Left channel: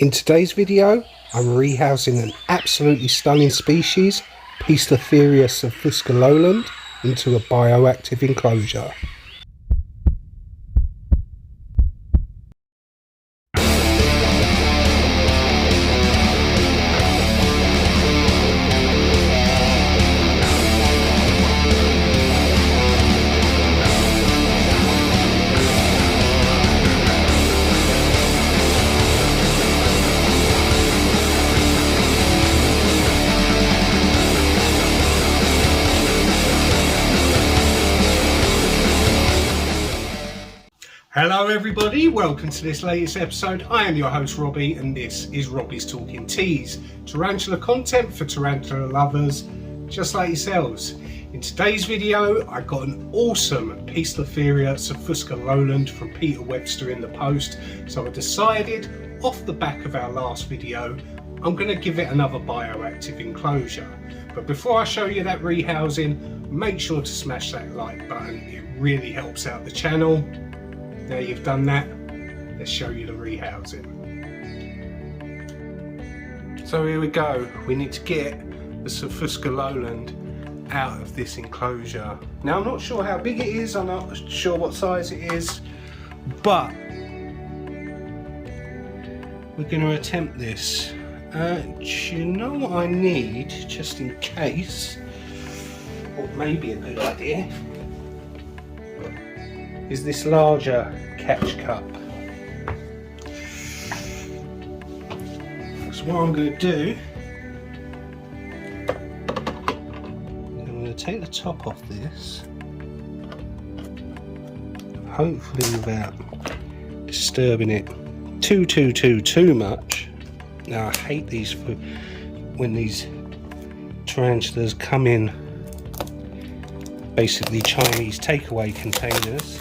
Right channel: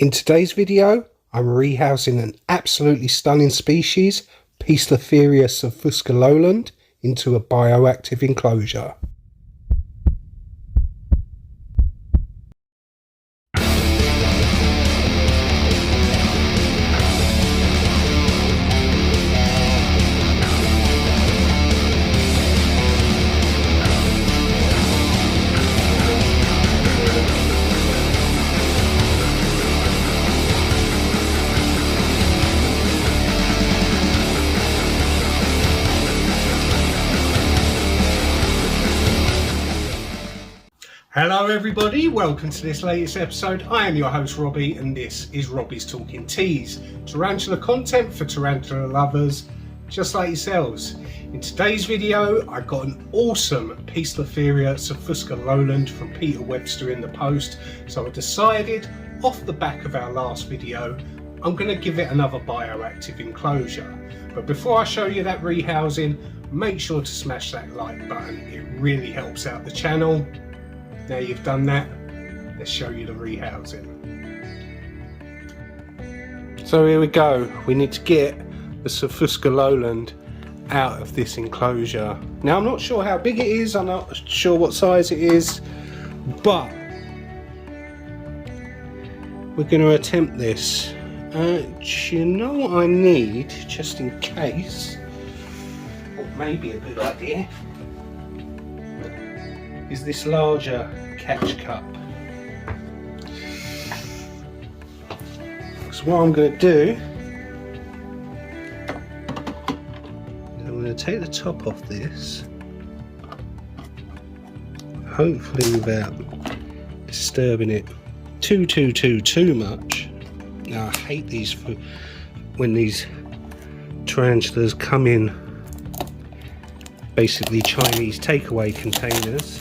In today's video, I'm rehousing an absolutely stunning species, poecilotheria subfusca lowland, into a bioactive enclosure. Hello everybody, welcome to this latest episode. I am your host Robbie and this is Robbie's Talking Teas, tarantula content for tarantula lovers just like yourselves. In today's video I got an awesome poecilotheria subfusca lowland from Peter Webster in the post, so I decided off the back of our last video I'm going to give it another bioactive enclosure. But before I show you that rehousing, make sure to smash that like button, it really helps out the channel. Now you've done that, let's show you the rehousing. So here we go, we need to get the subfusca lowland out of this enclosure. Now I'm not sure how big it is, I'm not sure what size it is, but we're going to attempt this. Do you know what I need, just in case, or maybe a good idea, is this larger catch cup. So what I'm going to do is I'm going to take the top off this, hopefully without disturbing it too much. Now I hate these when these tarantulas come in basically Chinese takeaway containers,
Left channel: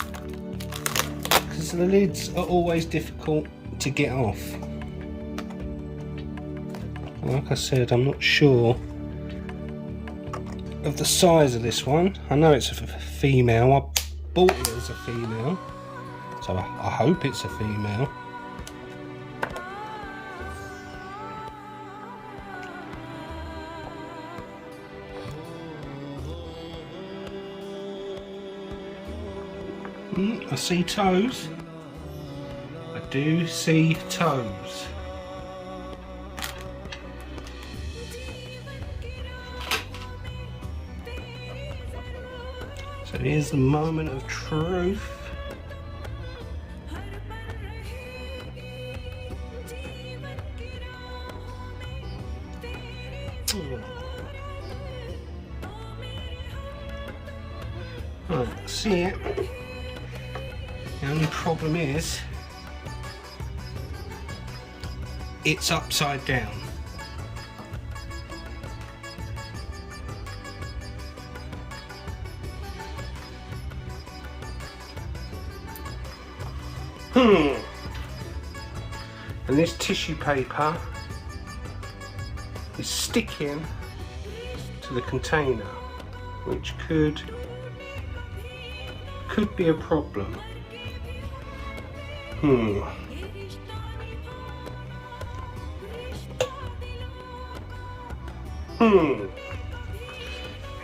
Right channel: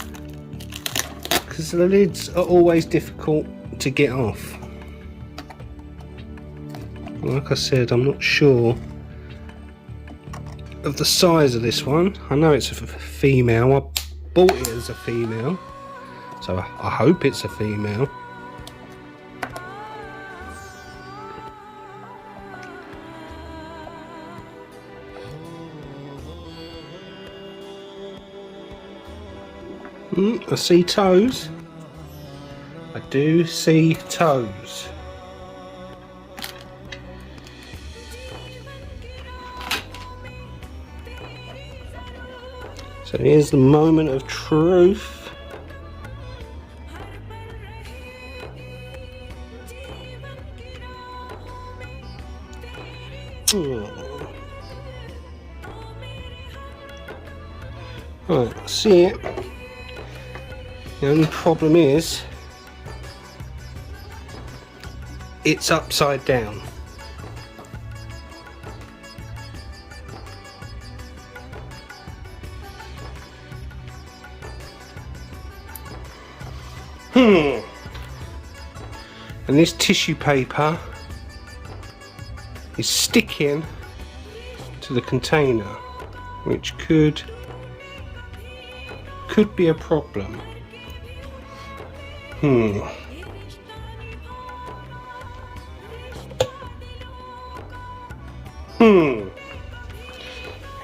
because the lids are always difficult to get off. Like I said, I'm not sure of the size of this one. I know it's a female, I bought it as a female, so I hope it's a female. I see toes. I do see toes. So here's the moment of truth. Right, see it. The only problem is it's upside down. And this tissue paper is sticking to the container, which could be a problem. How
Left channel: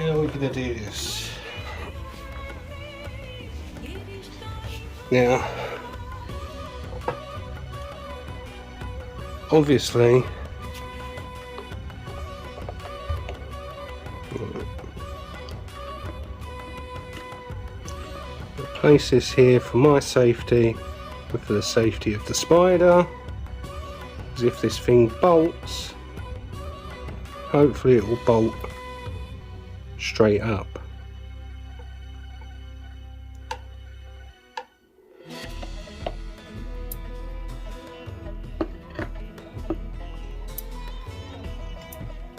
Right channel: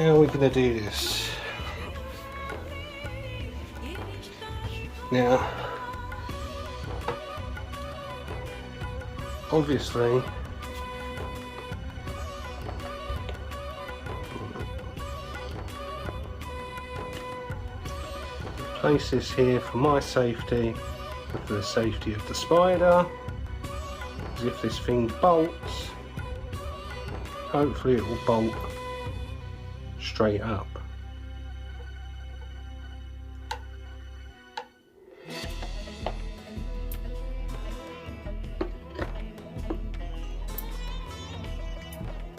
are we going to do this? Now, obviously, place this here for my safety, but for the safety of the spider, because if this thing bolts, hopefully it will bolt straight up.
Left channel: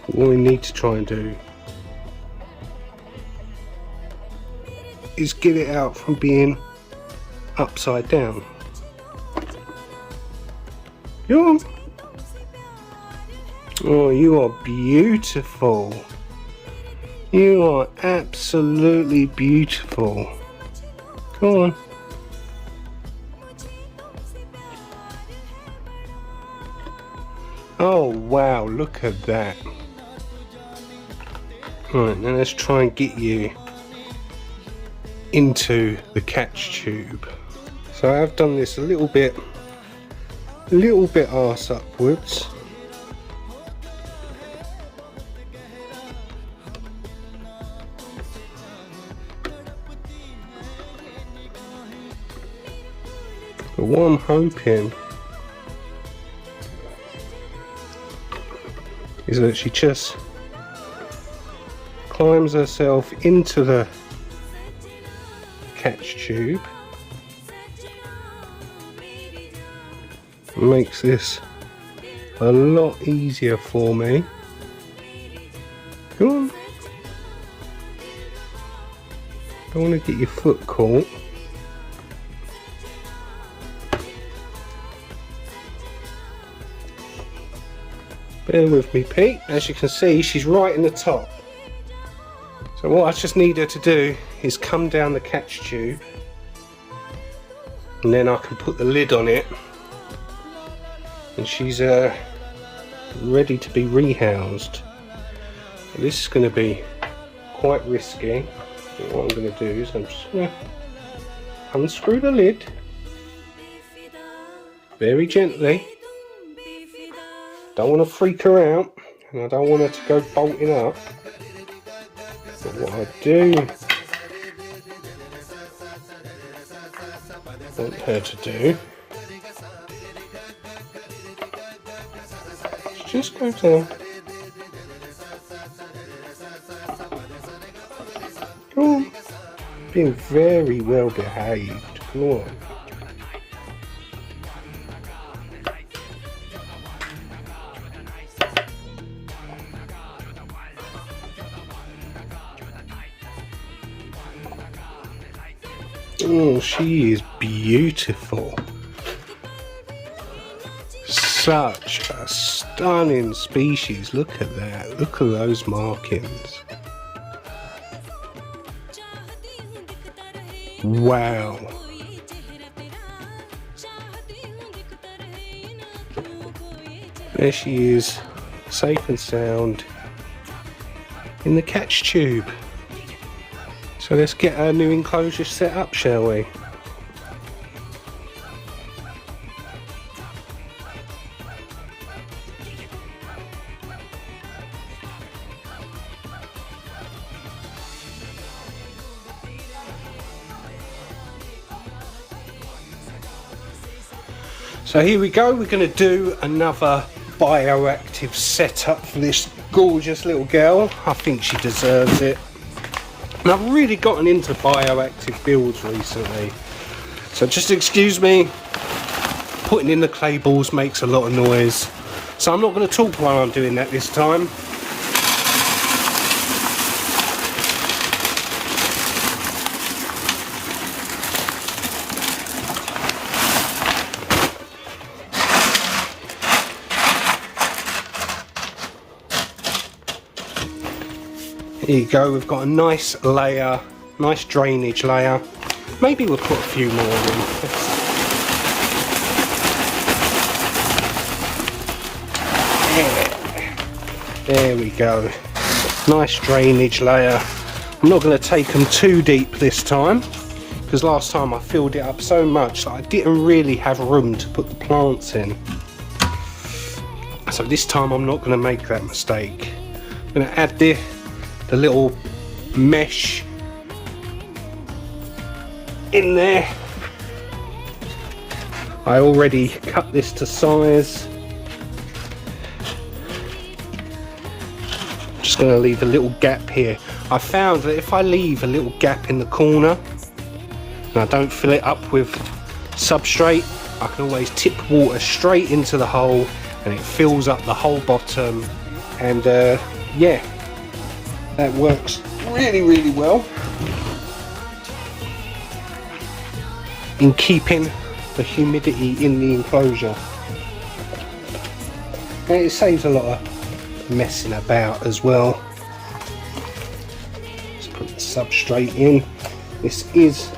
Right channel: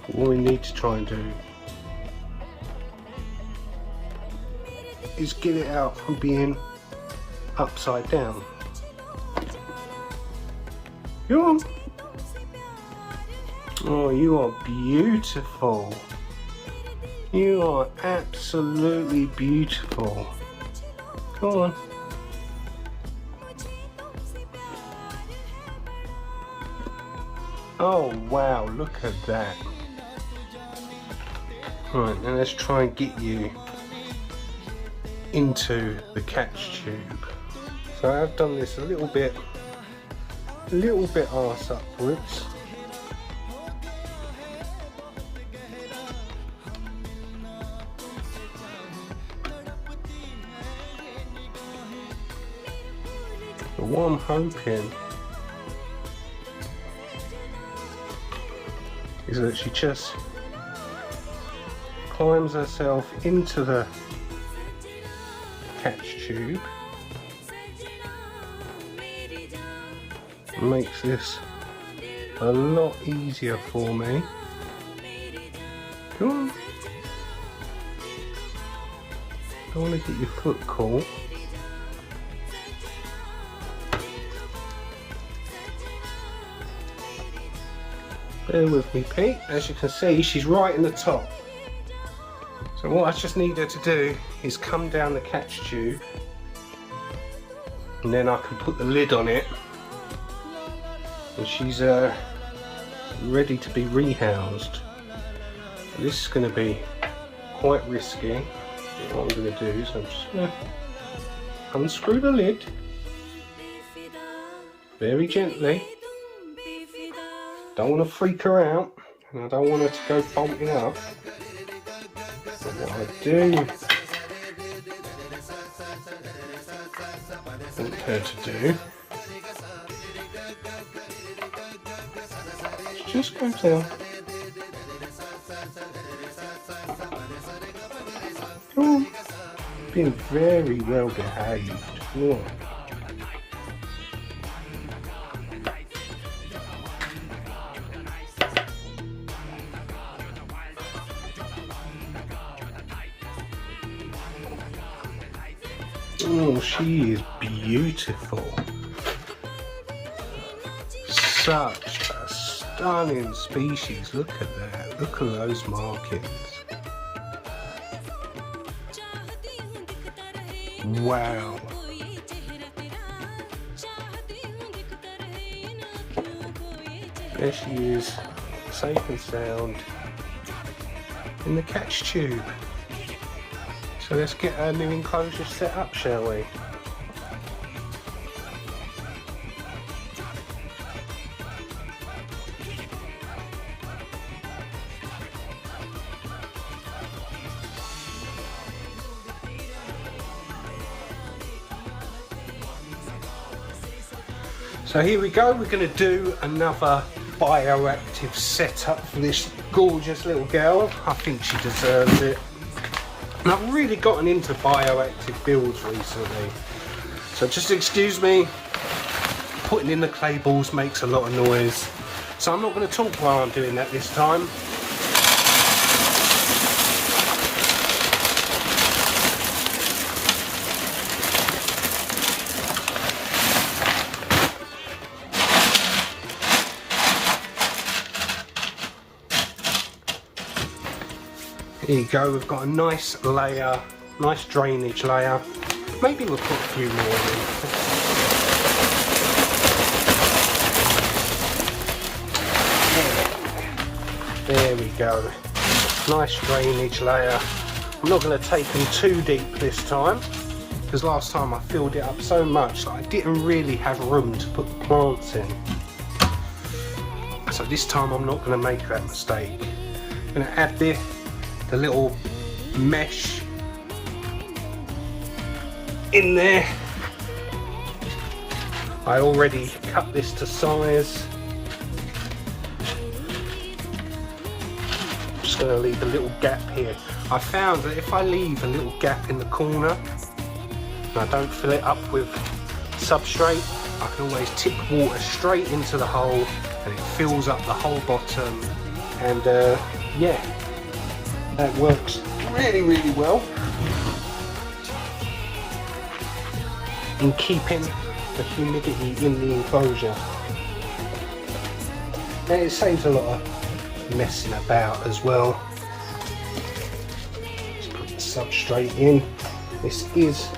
What we need to try and do is get it out from being upside down. Oh, you are beautiful. You are absolutely beautiful. Come on. Oh wow, look at that. Right, now let's try and get you into the catch tube. So I've done this a little bit arse upwards. But what I'm hoping is that she just climbs herself into the catch tube. Makes this a lot easier for me. Come on. Don't want to get your foot caught. Bear with me, Pete. As you can see, she's right in the top. So what I just need her to do is come down the catch tube, and then I can put the lid on it, and she's ready to be rehoused. This is going to be quite risky. What I'm going to do is I'm just going to unscrew the lid very gently. Don't want to freak her out, and I don't want her to go bolting up. But what I do want her to do is just go down. Come on. Being very well behaved. Come on. Oh, she is beautiful. Such a stunning species. Look at that. Look at those markings. Wow. There she is, safe and sound in the catch tube. So let's get our new enclosure set up, shall we? So here we go, we're going to do another bioactive setup for this gorgeous little girl. I think she deserves it. And I've really gotten into bioactive builds recently, so just excuse me, putting in the clay balls makes a lot of noise, so I'm not going to talk while I'm doing that this time. Here you go, we've got a nice layer, nice drainage layer. Maybe we'll put a few more in. There we go. Nice drainage layer. I'm not going to take them too deep this time, because last time I filled it up so much that I didn't really have room to put the plants in. So this time I'm not going to make that mistake. I'm going to add the little mesh in there. I already cut this to size. Just going to leave a little gap here. I found that if I leave a little gap in the corner and I don't fill it up with substrate, I can always tip water straight into the hole and it fills up the whole bottom, and yeah, that works really, really well in keeping the humidity in the enclosure. And it saves a lot of messing about as well. Just put the substrate in. This is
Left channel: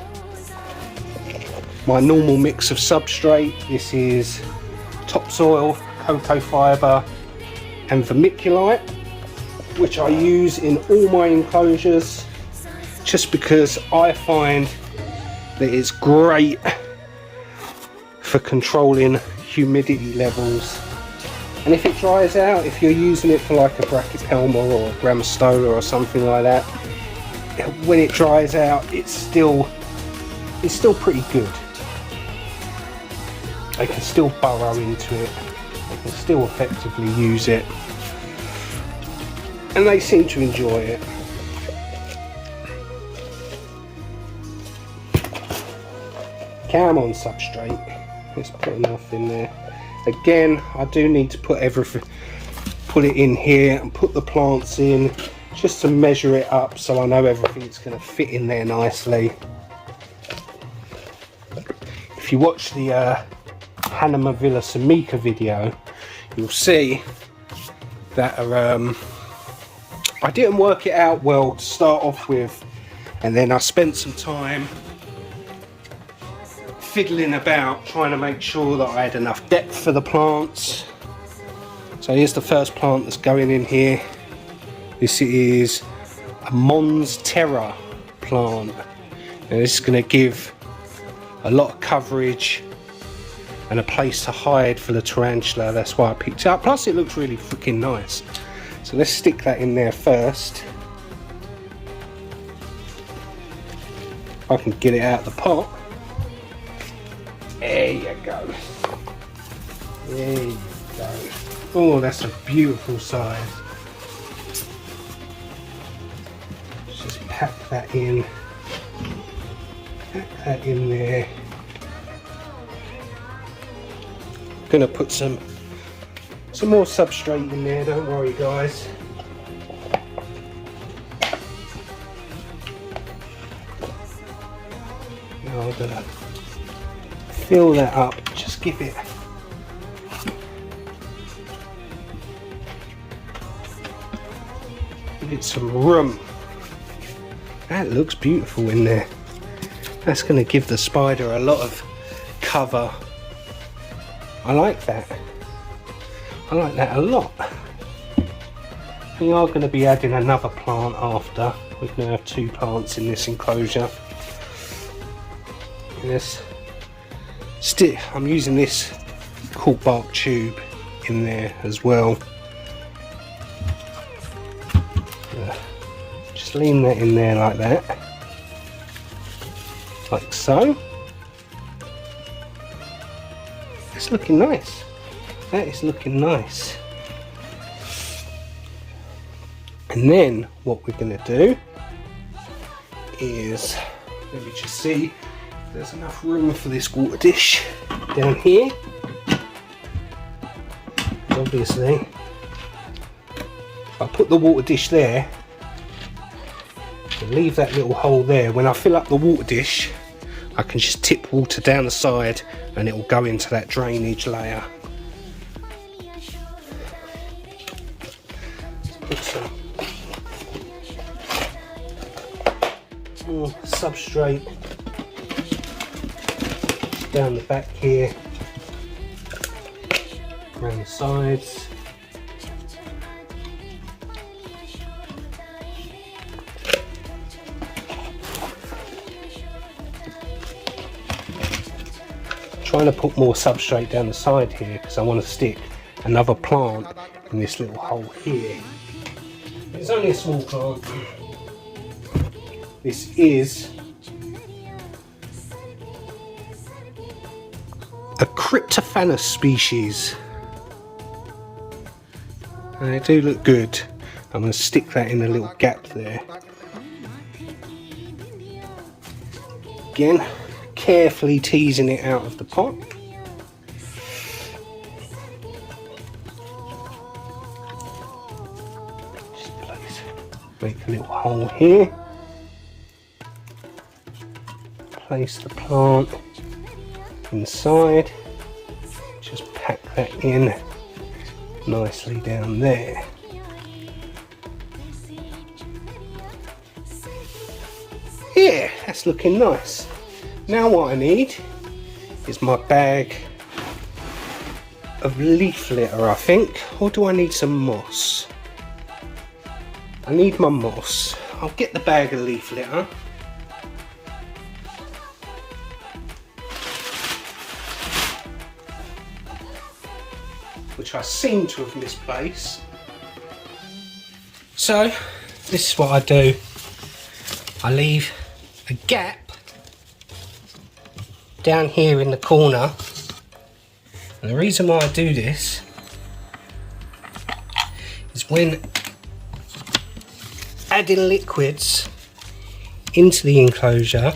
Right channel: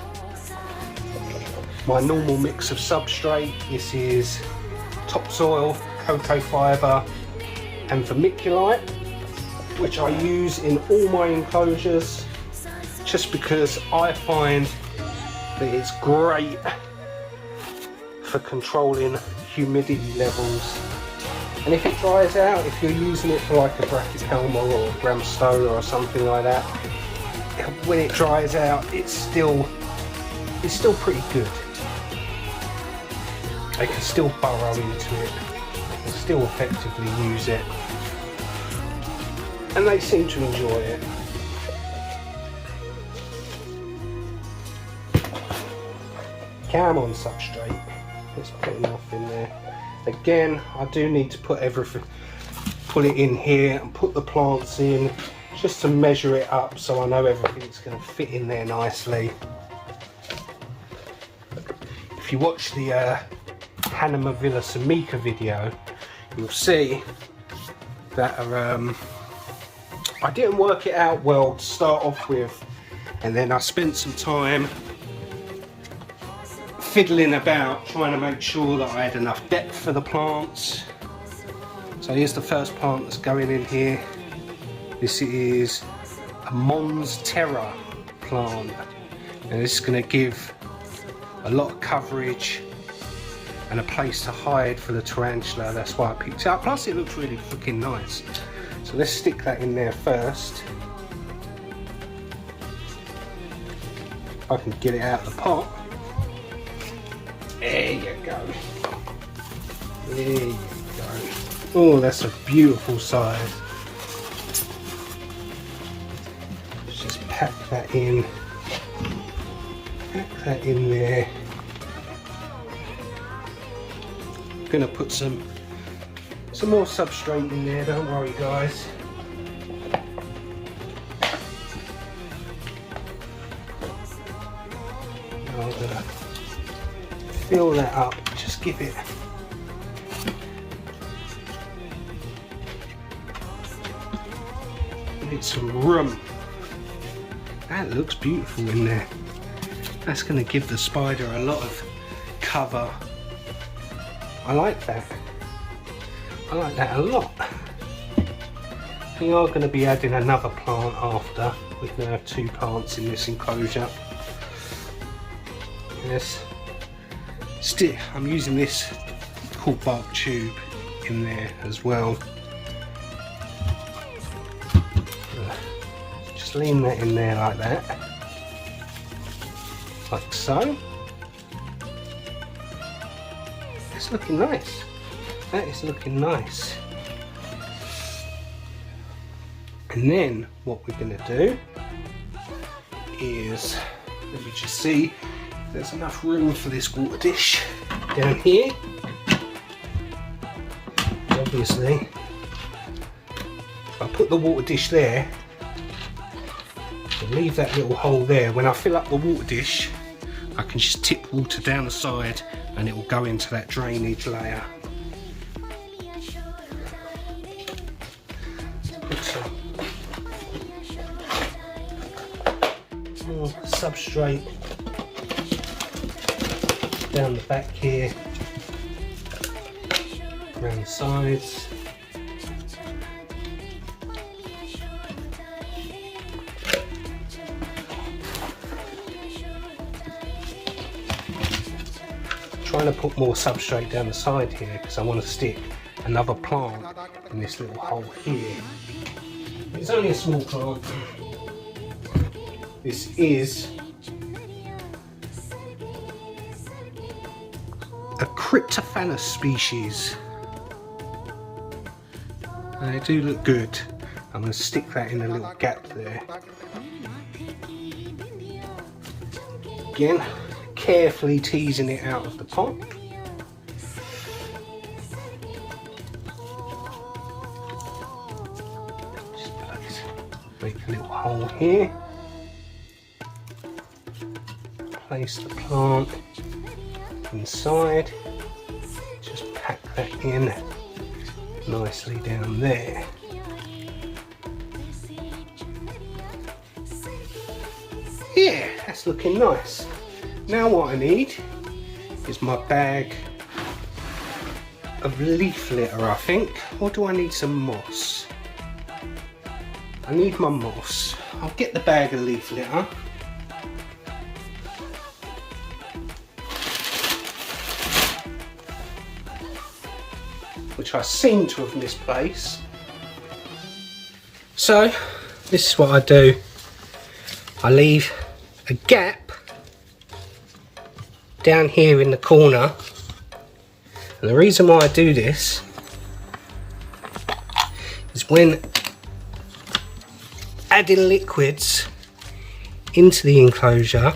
my normal mix of substrate. This is topsoil cocoa fibre and vermiculite, which I use in all my enclosures, just because I find that it's great for controlling humidity levels. And if it dries out, if you're using it for like a brachypelma or gramstola or something like that, when it dries out, it's still pretty good. They can still burrow into it and still effectively use it, and they seem to enjoy it. Cam on substrate, let's put enough in there. Again, I do need to put it in here and put the plants in, just to measure it up so I know everything's going to fit in there nicely. If you watch the Panama Villa Samica video, you'll see that I didn't work it out well to start off with, and then I spent some time fiddling about trying to make sure that I had enough depth for the plants. So here's the first plant that's going in here. This is a Mons Terra plant. Now this is going to give a lot of coverage and a place to hide for the tarantula. That's why I picked it up. Plus it looks really freaking nice. So let's stick that in there first. If I can get it out of the pot. There you go. There you go. Oh, that's a beautiful size. Let's just pack that in. Pack that in there. Gonna put some more substrate in there, don't worry guys. Now I'm gonna fill that up, just give it some room. That looks beautiful in there. That's going to give the spider a lot of cover. I like that. I like that a lot. We are going to be adding another plant after. We're going to have 2 plants in this enclosure. Yes. Still, I'm using this cork bark tube in there as well. Just lean that in there like that. Like so. It's looking nice. That is looking nice. And then what we're going to do is, let me just see, there's enough room for this water dish down here. Obviously, if I put the water dish there, and leave that little hole there, when I fill up the water dish, I can just tip water down the side and it will go into that drainage layer. Put some substrate down the back here, around the sides. Trying to put more substrate down the side here because I want to stick another plant in this little hole here. It's only a small plant. This is a Cryptophanus species. And they do look good. I'm going to stick that in a little gap there. Again, carefully teasing it out of the pot. Just make a little hole here. Place the plant inside. Just pack that in nicely down there. Yeah, that's looking nice. Now what I need is my bag of leaf litter, I think. Or do I need some moss? I need my moss. I'll get the bag of leaf litter. Which I seem to have misplaced. So, this is what I do. I leave a gap down here in the corner. And the reason why I do this is when adding liquids into the enclosure,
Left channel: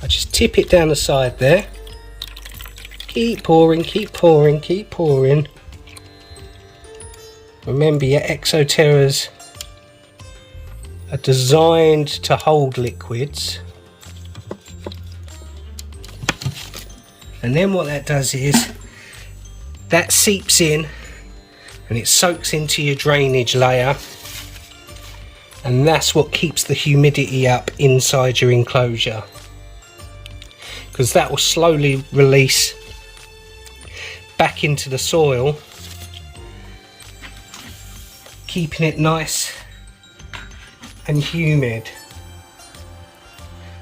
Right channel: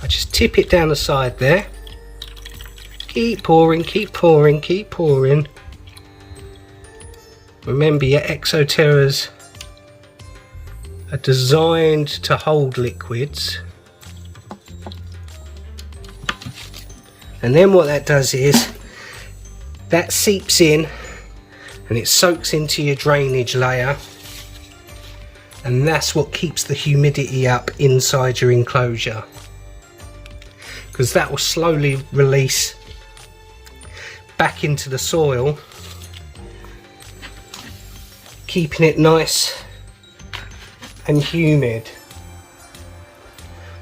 I just tip it down the side there. Keep pouring, keep pouring, keep pouring. Remember, your exoterras are designed to hold liquids. And then what that does is that seeps in and it soaks into your drainage layer, and that's what keeps the humidity up inside your enclosure, because that will slowly release back into the soil, keeping it nice and humid.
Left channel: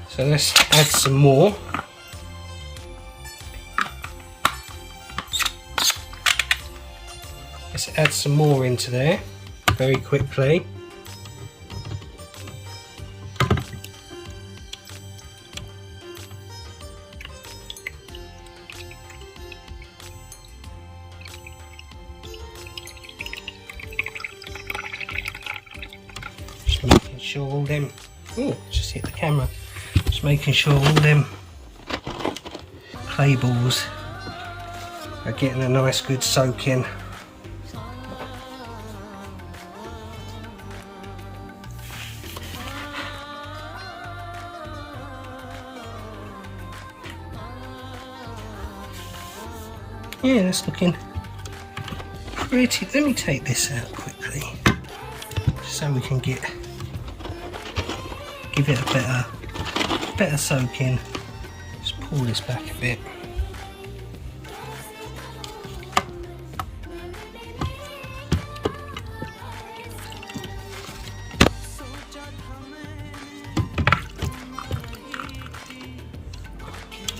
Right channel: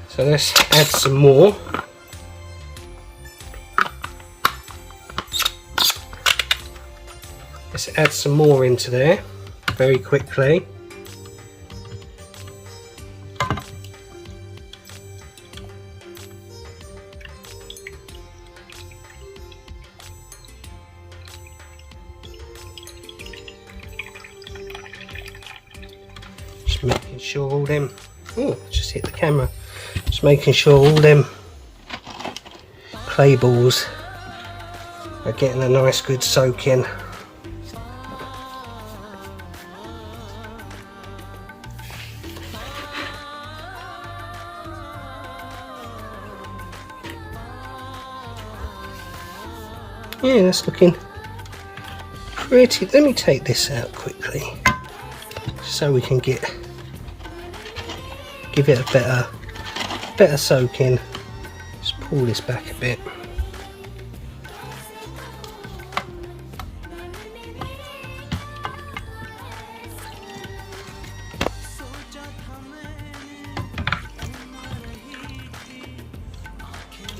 So let's add some more. Let's add some more into there very quickly. Just making sure all them, oh, just hit the camera. Just making sure all them clay balls are getting a nice good soak in. Yeah, that's looking pretty. Let me take this out quickly so we can give it a better soak in. Just pull this back a bit.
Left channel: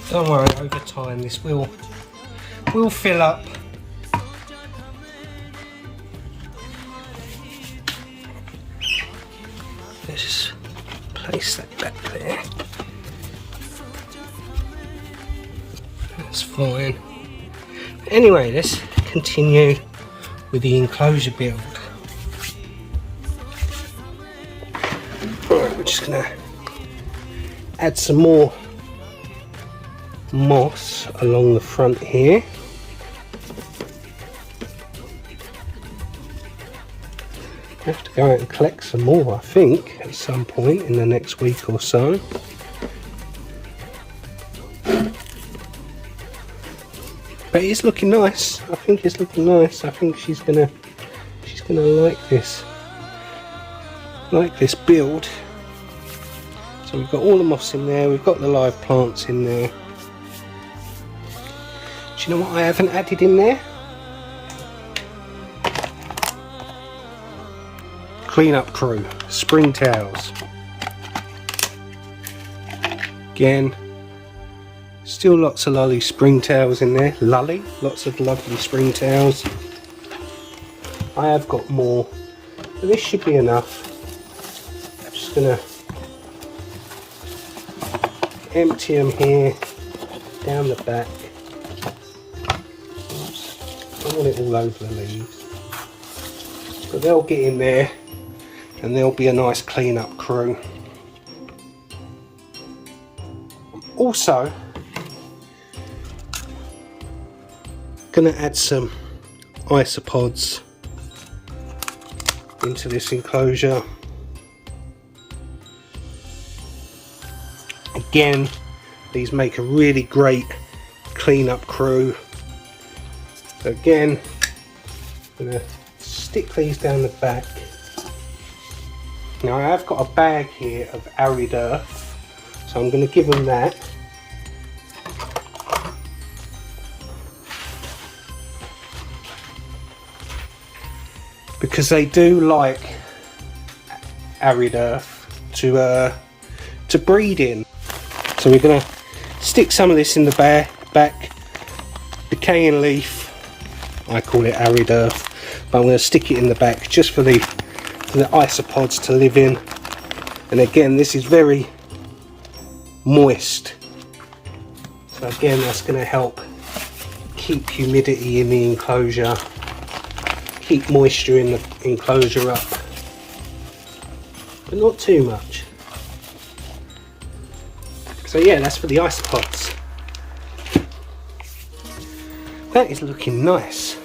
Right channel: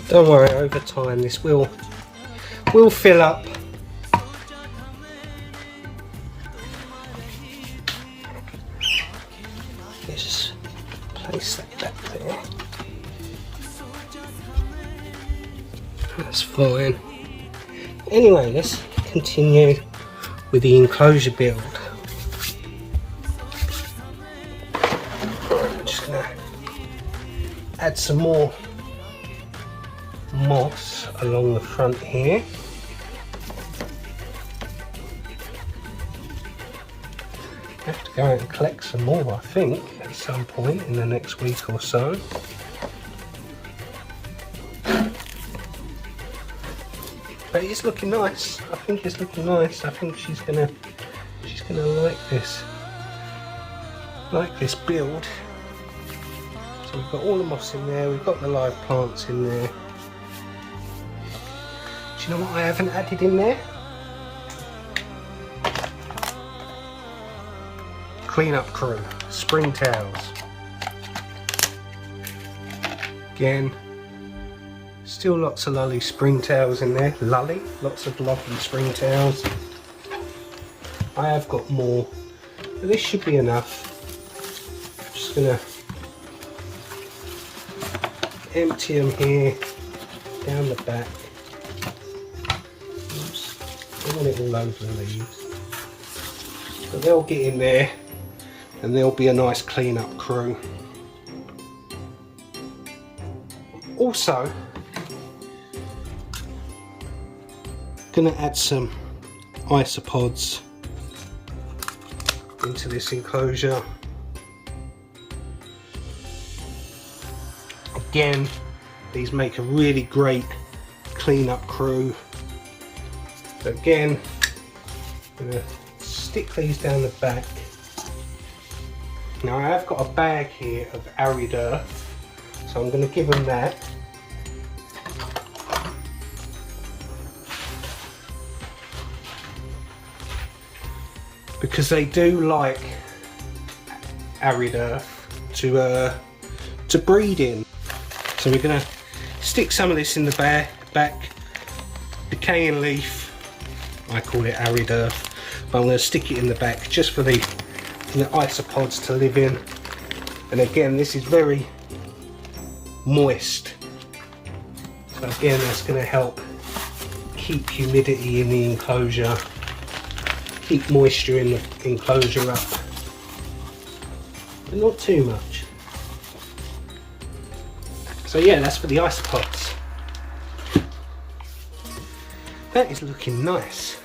Don't worry, over time this will fill up. Let's just place that back there. That's fine. Anyway, let's continue with the enclosure build. We're just gonna add some more moss along the front here. I have to go out and collect some more, I think, at some point in the next week or so. But it's looking nice. I think it's looking nice. I think she's gonna like this build. So we've got all the moss in there. We've got the live plants in there. Do you know what I haven't added in there? Cleanup crew, spring towels. Again, still lots of lovely spring towels in there. Lots of lovely spring towels. I have got more, but this should be enough. I'm just gonna empty them here, down the back. Oops, I don't want it all over the leaves. But they'll get in there and there'll be a nice clean up crew. Also, gonna add some isopods into this enclosure. Again, these make a really great clean up crew. So again, I'm gonna stick these down the back. Now I have got a bag here of arid earth, so I'm going to give them that. because they do like arid earth to breed in. So we're going to stick some of this in the back, decaying leaf, I call it arid earth, but I'm going to stick it in the back just for the isopods to live in. And again, this is very moist, so again that's going to help keep humidity in the enclosure, keep moisture in the enclosure up, but not too much. So yeah, that's for the isopods. That is looking nice.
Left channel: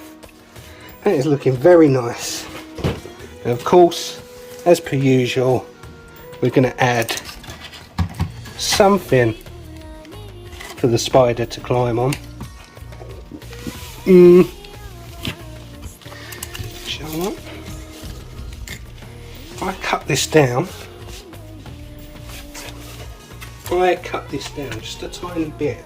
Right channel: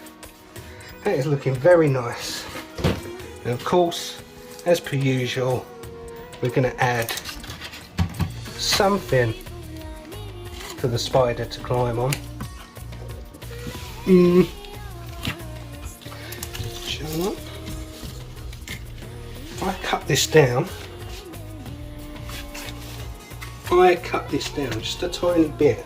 That is looking very nice. And of course, as per usual, we're going to add something for the spider to climb on. Shall I? If I cut this down, just a tiny bit,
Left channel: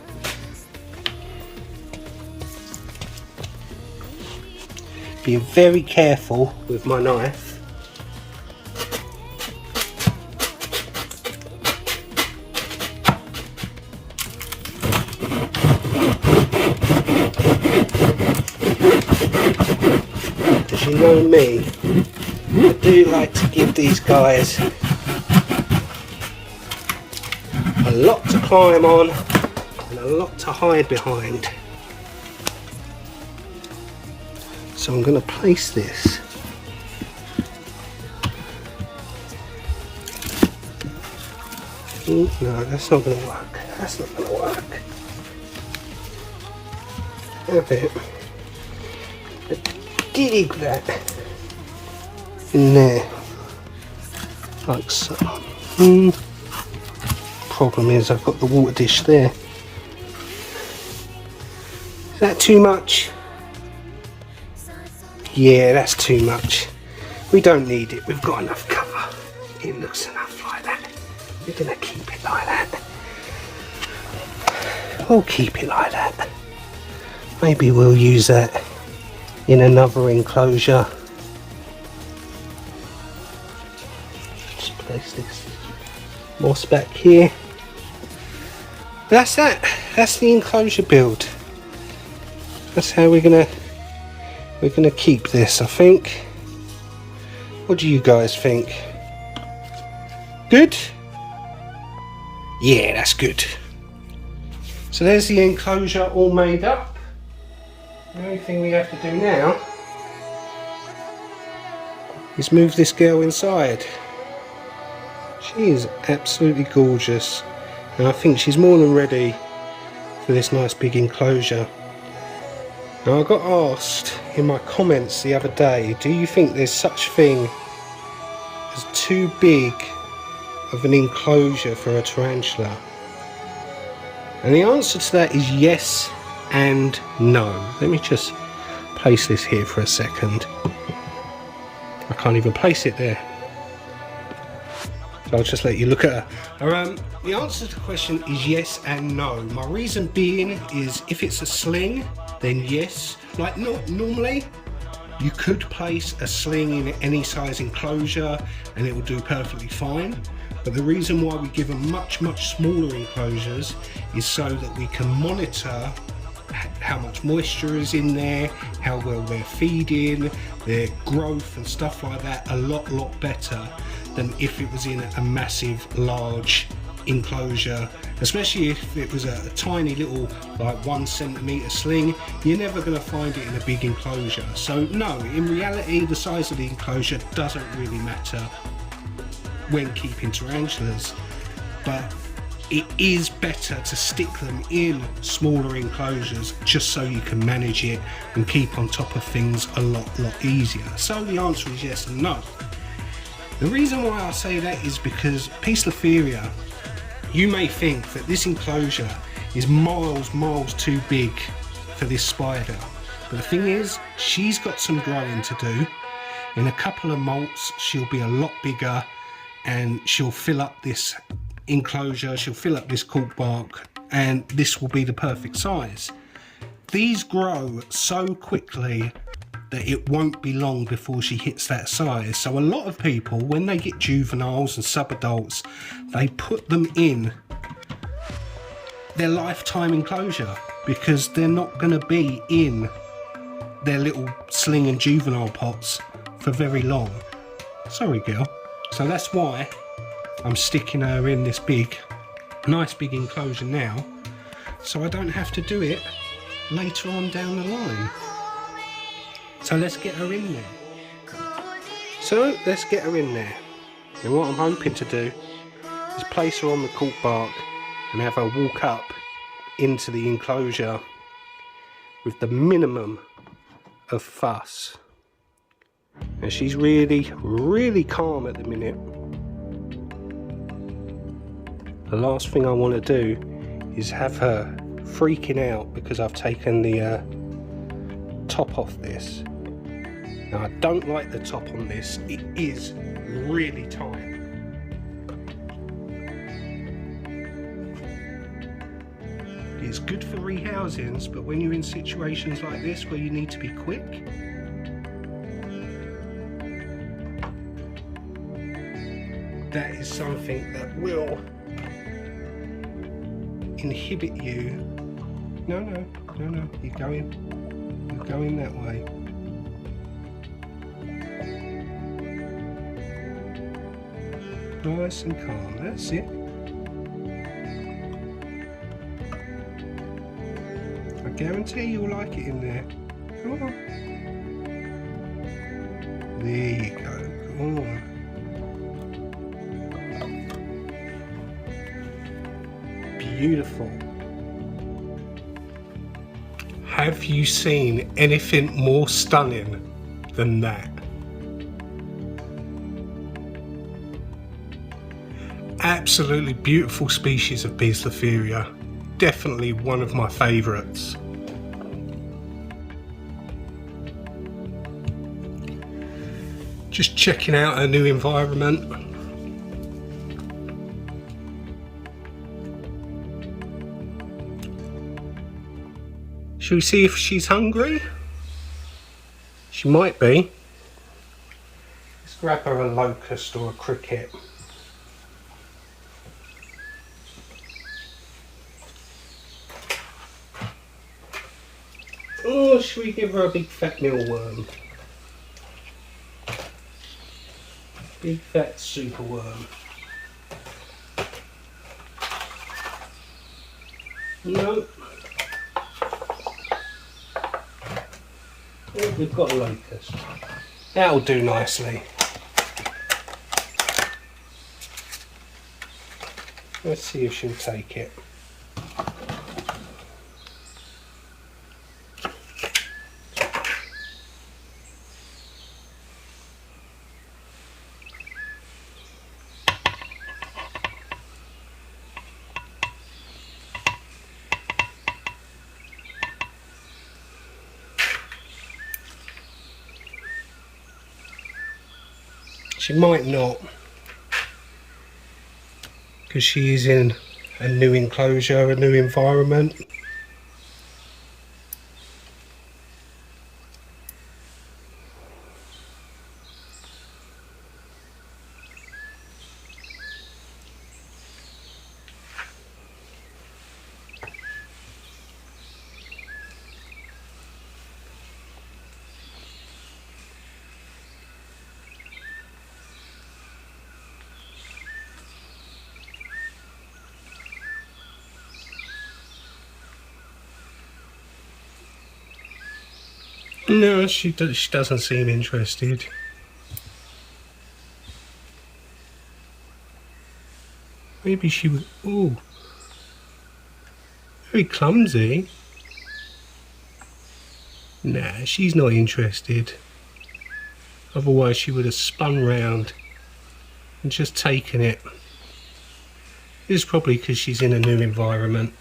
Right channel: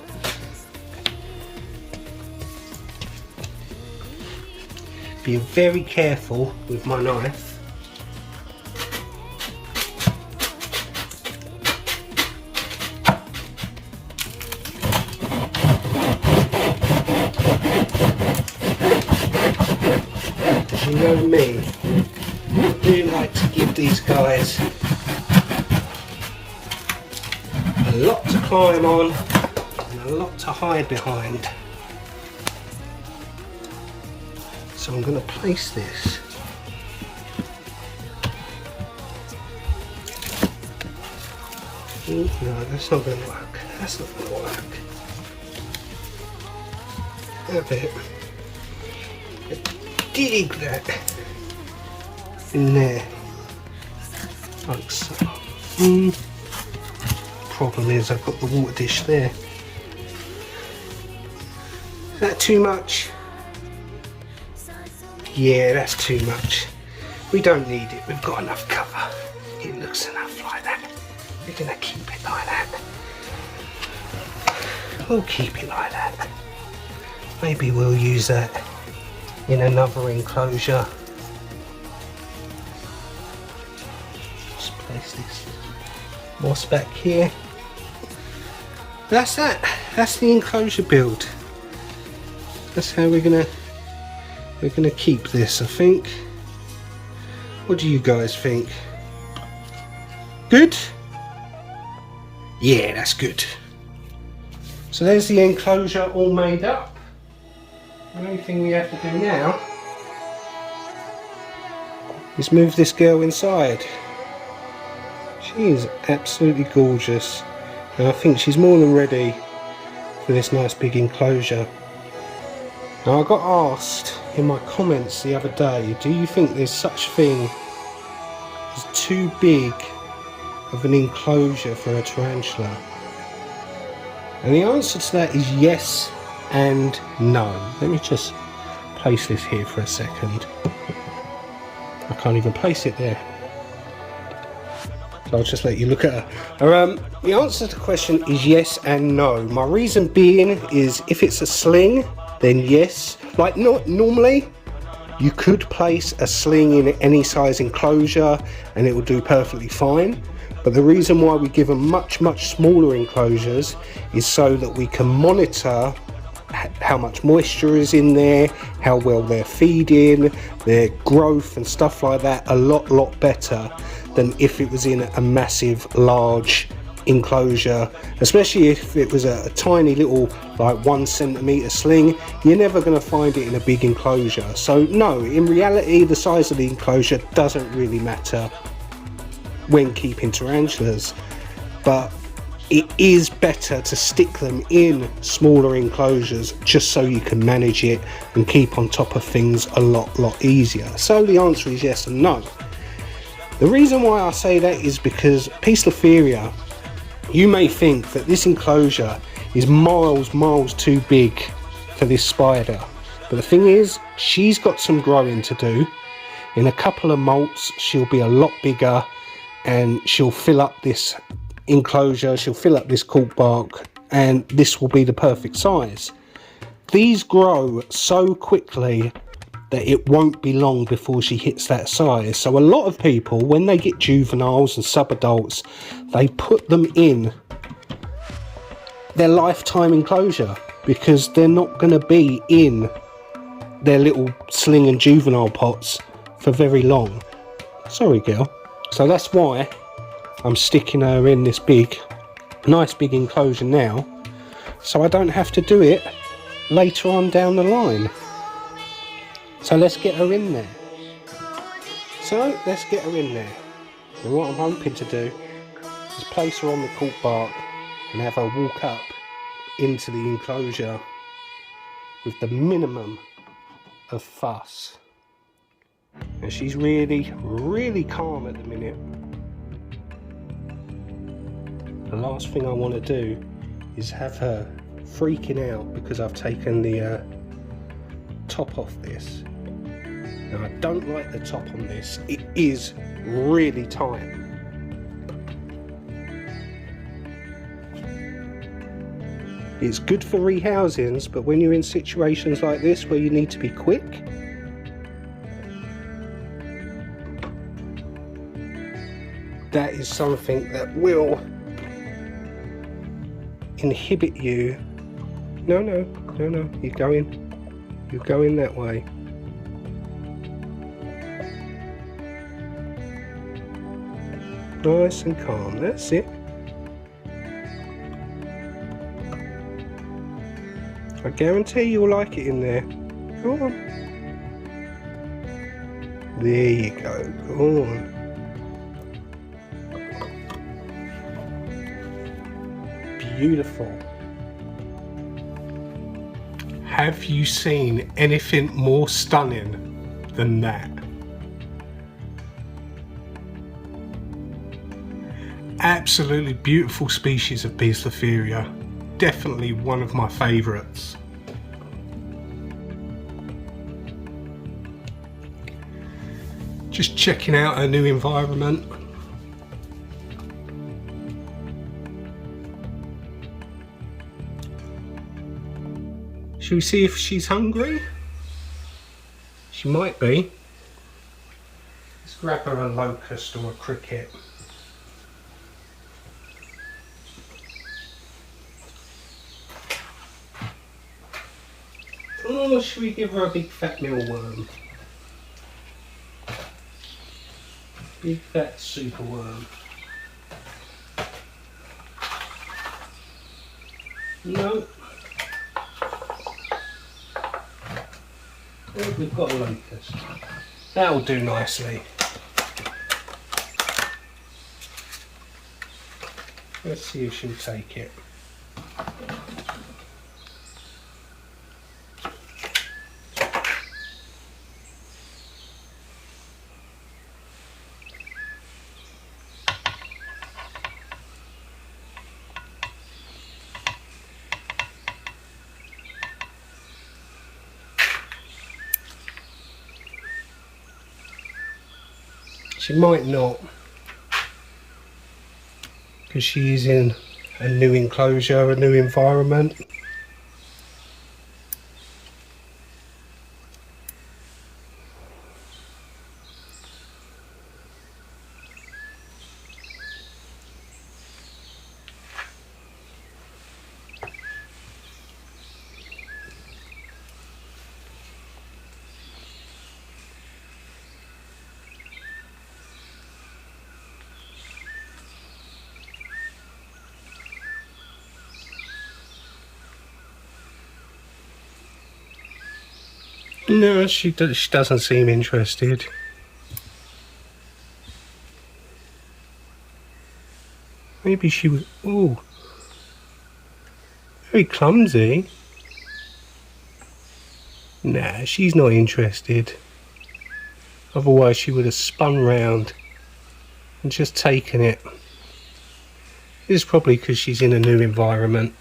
be very careful with my knife. As you know me, I do like to give these guys a lot to climb on and a lot to hide behind. So I'm going to place this no, that's not going to work. That's not going to work. A bit. Dig that in there, like so. Problem is, I've got the water dish there. Is that too much? Yeah, that's too much. We don't need it. We've got enough cover. It looks enough like that. We're gonna keep it like that. We'll keep it like that. Maybe we'll use that in another enclosure. Just place this moss back here. That's that. That's the enclosure build. That's how we're gonna keep this, I think. What do you guys think? Good? Yeah, that's good. So there's the enclosure all made up. The only thing we have to do now is move this girl inside. She is absolutely gorgeous, and I think she's more than ready for this nice big enclosure. Now, I got asked in my comments the other day, do you think there's such a thing as too big of an enclosure for a tarantula? And the answer to that is yes and no. Let me just place this here for a second. I can't even place it there, so I'll just let you look at her. The answer to the question is yes and no. My reason being is, if it's a sling, then yes. Like, normally you could place a sling in any size enclosure and it will do perfectly fine, but the reason why we give them much smaller enclosures is so that we can monitor how much moisture is in there, how well they're feeding, their growth and stuff like that a lot better than if it was in a massive large enclosure. Especially if it was a tiny little, like 1 centimetre sling, you're never going to find it in a big enclosure. So no, in reality the size of the enclosure doesn't really matter when keeping tarantulas, but it is better to stick them in smaller enclosures just so you can manage it and keep on top of things a lot easier. So the answer is yes and no. The reason why I say that is because poecilotheria, you may think that this enclosure is miles too big for this spider, but the thing is, she's got some growing to do. In a couple of molts she'll be a lot bigger and she'll fill up this enclosure, she'll fill up this cork bark, and this will be the perfect size. These grow so quickly that it won't be long before she hits that size. So a lot of people, when they get juveniles and subadults, they put them in their lifetime enclosure because they're not going to be in their little sling and juvenile pots for very long. Sorry, girl. So that's why I'm sticking her in this nice big enclosure now, so I don't have to do it later on down the line. So let's get her in there. And what I'm hoping to do is place her on the cork bark and have her walk up into the enclosure with the minimum of fuss. And she's really calm at the minute. The last thing I want to do is have her freaking out because I've taken the top off this. Now I don't like the top on this, it is really tight. It's good for rehousings, but when you're in situations like this where you need to be quick, that is something that will inhibit you. No, you're going that way. Nice and calm, that's it. I guarantee you'll like it in there. Come on. There you go, go on. Beautiful. Have you seen anything more stunning than that? Absolutely beautiful species of poecilotheria. Definitely one of my favourites. Just checking out her new environment. Shall we see if she's hungry? She might be. Let's grab her a locust or a cricket. Or should we give her a big fat mealworm? Big fat superworm. No. Oh, we've got a locust. That'll do nicely. Let's see if she'll take it. She might not, because she is in a new enclosure, a new environment. No, she doesn't seem interested. Maybe she was... Ooh. Very clumsy. Nah, she's not interested. Otherwise she would have spun round and just taken it. It's probably because she's in a new environment.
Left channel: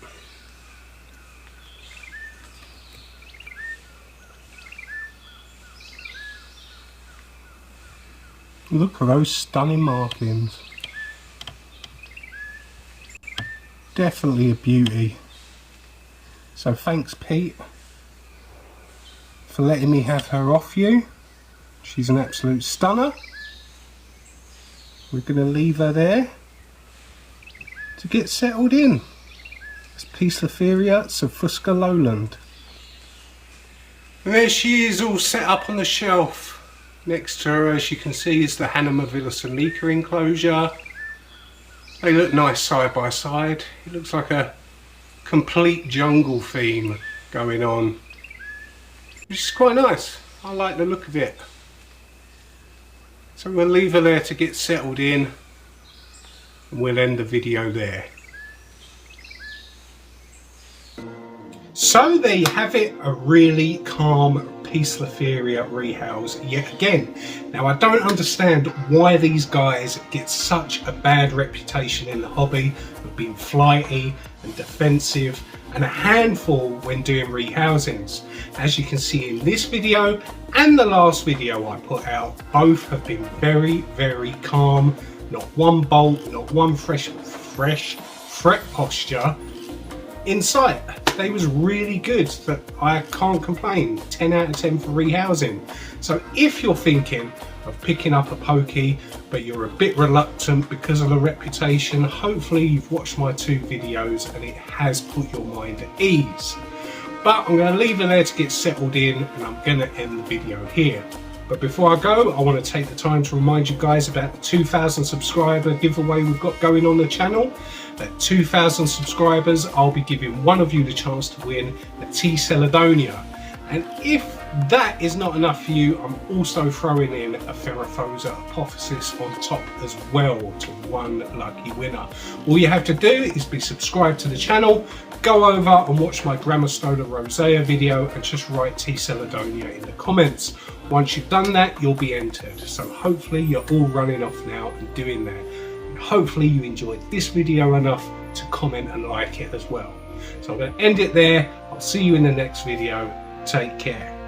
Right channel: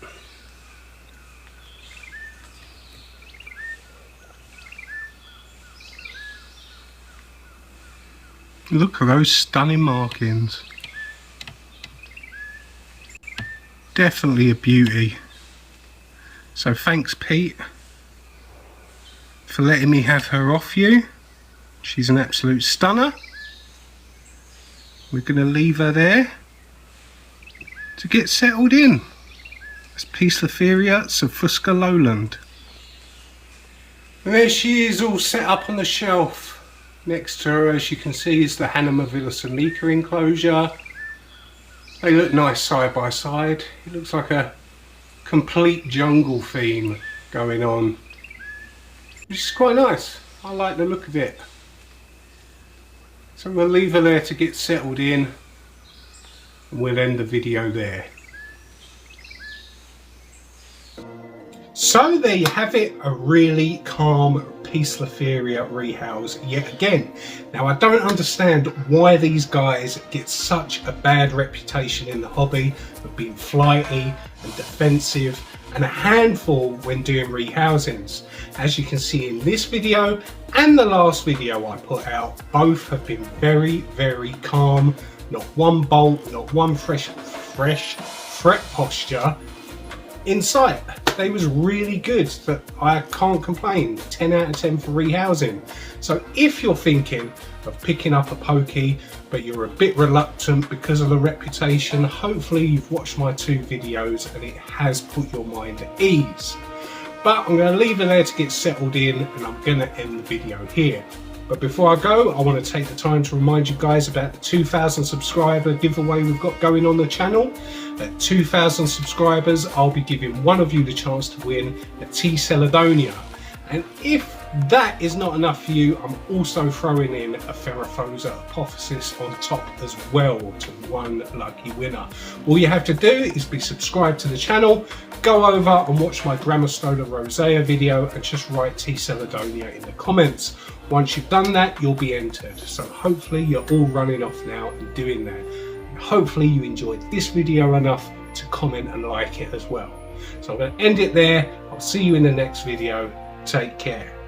Look at those stunning markings. Definitely a beauty. So thanks, Pete. for letting me have her off you. She's an absolute stunner. We're going to leave her there to get settled in. It's poecilotheria subfusca lowland. And there she is, all set up on the shelf. Next to her, as you can see, is the Hanamavilla enclosure. They look nice side by side. It looks like a complete jungle theme going on, which is quite nice. I like the look of it. So we'll leave her there to get settled in, and we'll end the video there. So there you have it, a really calm poecilotheria rehouse yet again. Now I don't understand why these guys get such a bad reputation in the hobby of being flighty and defensive and a handful when doing rehousings. As you can see in this video and the last video I put out, both have been very, very calm. Not one bolt, not one fresh fret posture in sight. They was really good. That I can't complain. 10 out of 10 for rehousing. So if you're thinking of picking up a pokey but you're a bit reluctant because of the reputation, hopefully you've watched my 2 videos and it has put your mind at ease. But I'm going to leave it there to get settled in, and I'm going to end the video here. But before I go, I want to take the time to remind you guys about the 2,000 subscriber giveaway we've got going on the channel. At 2,000 subscribers, I'll be giving one of you the chance to win a T. Celedonia. And if that is not enough for you, I'm also throwing in a Ferrophosa apophysis on top as well to one lucky winner. All you have to do is be subscribed to the channel, go over and watch my Grammostola rosea video and just write T. Celedonia in the comments. Once you've done that, you'll be entered. So hopefully you're all running off now and doing that. And hopefully you enjoyed this video enough to comment and like it as well. So I'm going to end it there. I'll see you in the next video. Take care.